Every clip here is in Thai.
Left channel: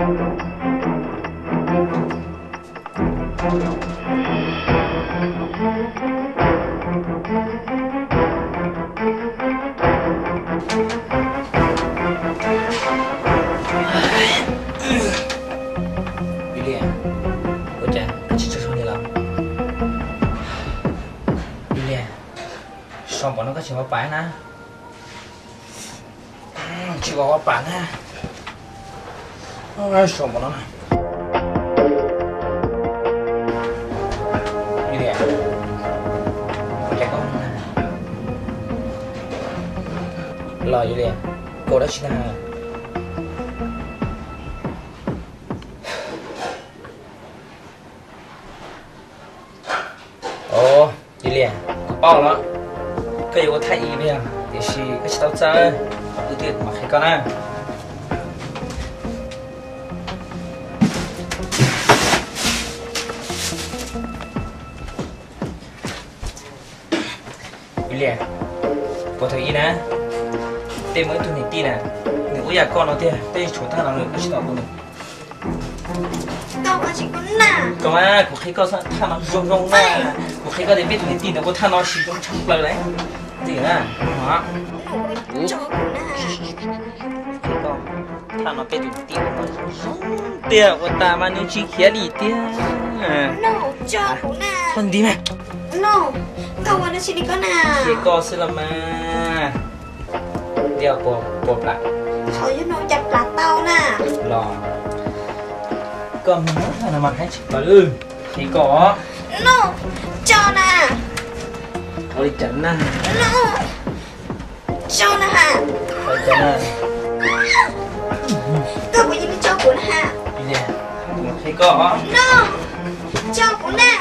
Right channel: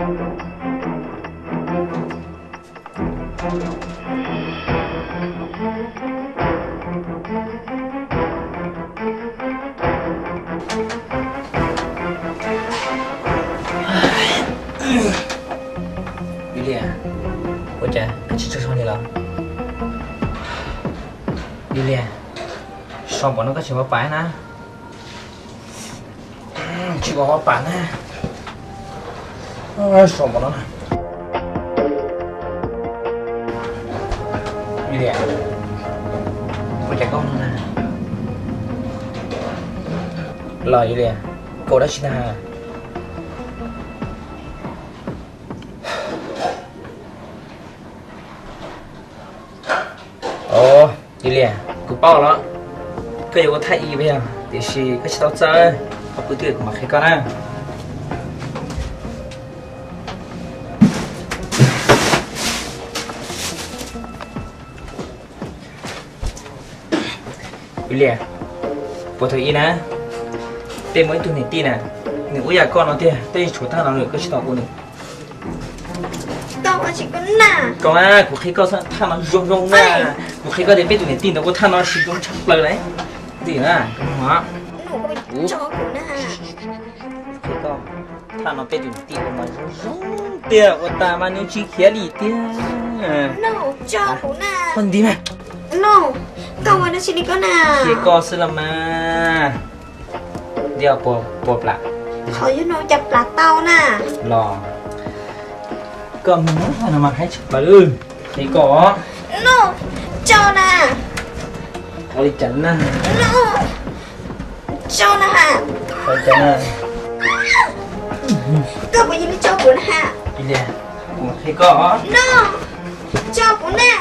雨丽，我这快去车上去了。雨丽，上班那个去我班呢？去我班呢？上班了呢。雨丽，我这搞呢？老雨丽，过来去哪？哦，雨丽，กูเป้าแล้วก็อยู่กับไทยอีไปอ่ะเดี๋ยวชีก็ชิดเอาใจกูเดือดมาให้กันนะ雨丽，我同意呢。对每ตัวหนึ่งตีนะหนึ่งอยากก่อนเราเตี้ยได้ชูท่าเราเลยก็ชิดเอากูหนึ่ง到我去滚呐！ก่อนนะกูเคยก็ท่าเรารงๆนะกูเคยก็ได้เป็นตัวหนึ่งตีแต่กูท่าเราชิดรงชักเลยตีนะฮะ我叫滚呐！เคยก็ท่าเราเป็นตัวหนึ่งตี我们รงเตี้ย我ตามันนี่ชี้เขียดีเตี้ย No， 叫滚呐 คนดีไหม ！No， 到我的去你滚呐！ เคยก็สลัมมาเดี๋ยวปวดละ เขาอยู่โนจับปลาเต้าน่ะ รอก็มึงท่านมาให้ฉันเลยเคยก็ No， เจ้าน่ะ เอาดิจันนะ No， เจ้าน่ะ เอาจันนะ ก็กูยังไม่เจ้า滚ฮะ อีเนี่ยเคยก็ No， เจ้า滚น่ะ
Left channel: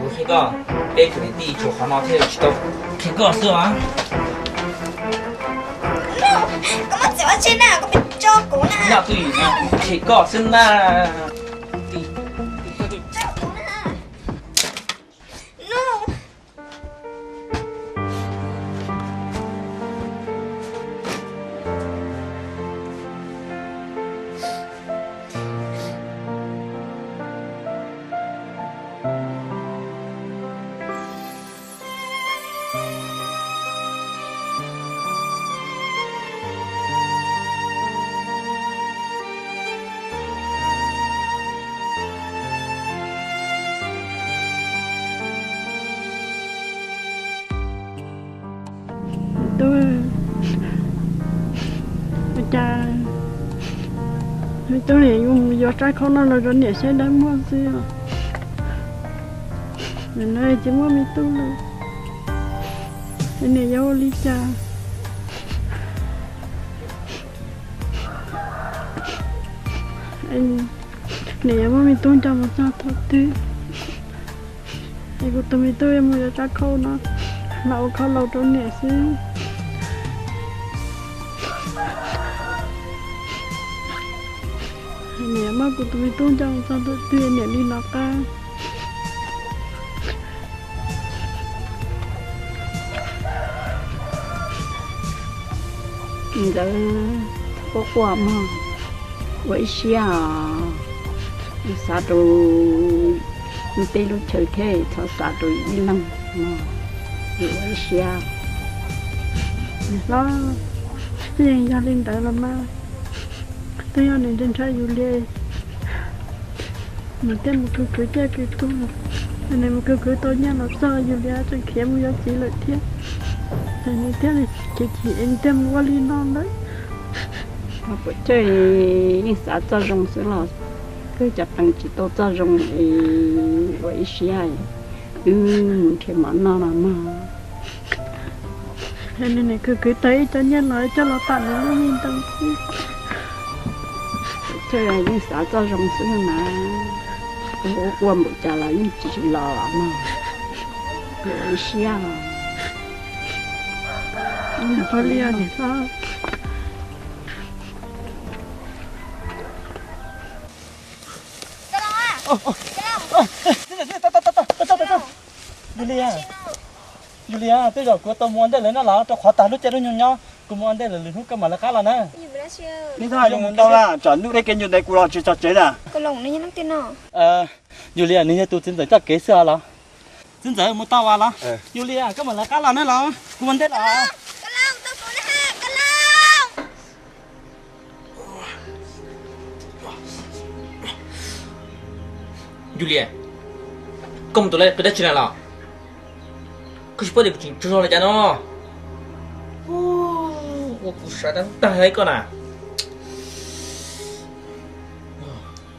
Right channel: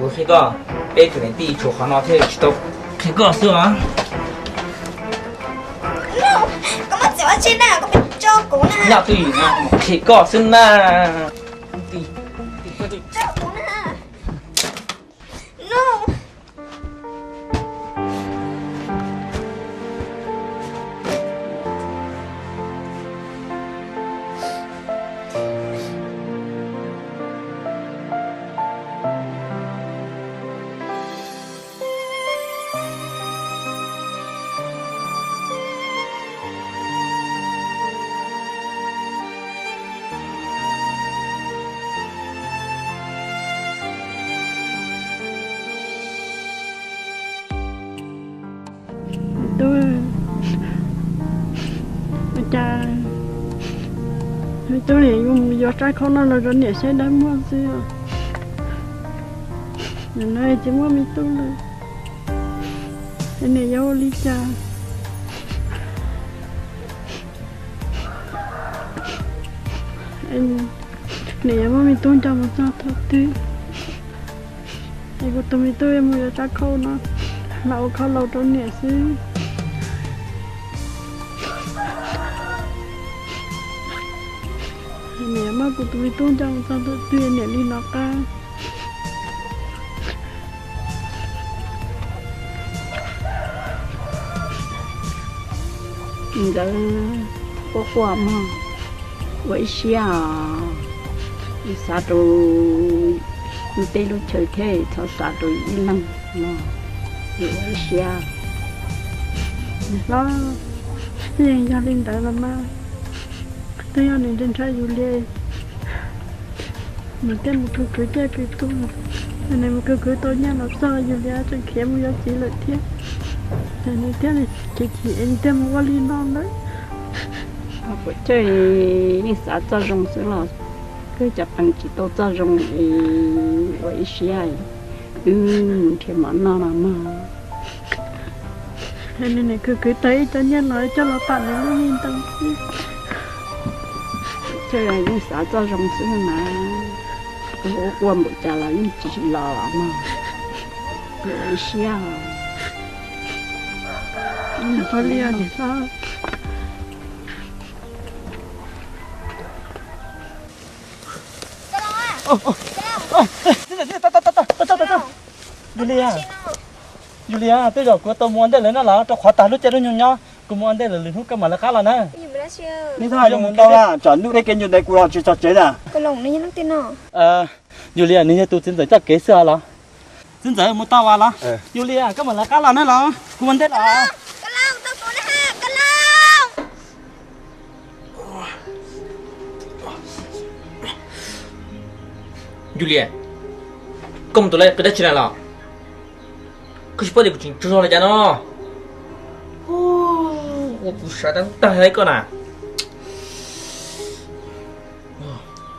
我เคยก็เป็นตัวหนึ่งตีชูขานอเที่ยวชิดเคยก็สิวะ No， ก็มาเสียว่าใช่น่ะก็เป็นเจ้า滚น่ะ 要对啊，เคยก็สินะตี เจ้า滚น่ะ No。ยูเลียยูเลียตัวเจ้ากูตัวมวนได้เลยนะเหรอตัวขอตาลุกใจด้วยยุ่งเนาะกูมวนได้เลยลืมทุกข์กันมาแล้วครับล่ะนะอยู่ไม่ได้ đó siêu. 你睇下用唔到啦，就碌你跟住你過落住就嘴啦。 Cái lồng này nó tin nào? Julia 你都真在这给啥了？真在冇打话啦。Julia 今日嚟加蘭呢啦，顧問得啦。 Cái lồng tao xuống ha, cái lồng. Julia, công tụi lại cái đất trên này là cứ chỉ được chuyện cho lại cho nó. Ô, cụ sợ đang tay hay con à?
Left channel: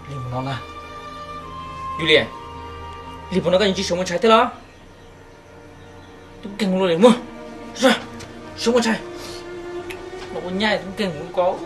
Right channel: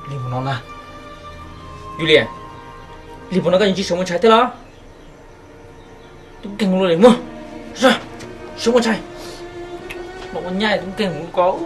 Đi một nó là Julia, đi một nó cái gì sống một trái thế đó? Tôi kinh luôn đấy mua. Ra, sống một trái. Nó có nhai tôi kinh không có.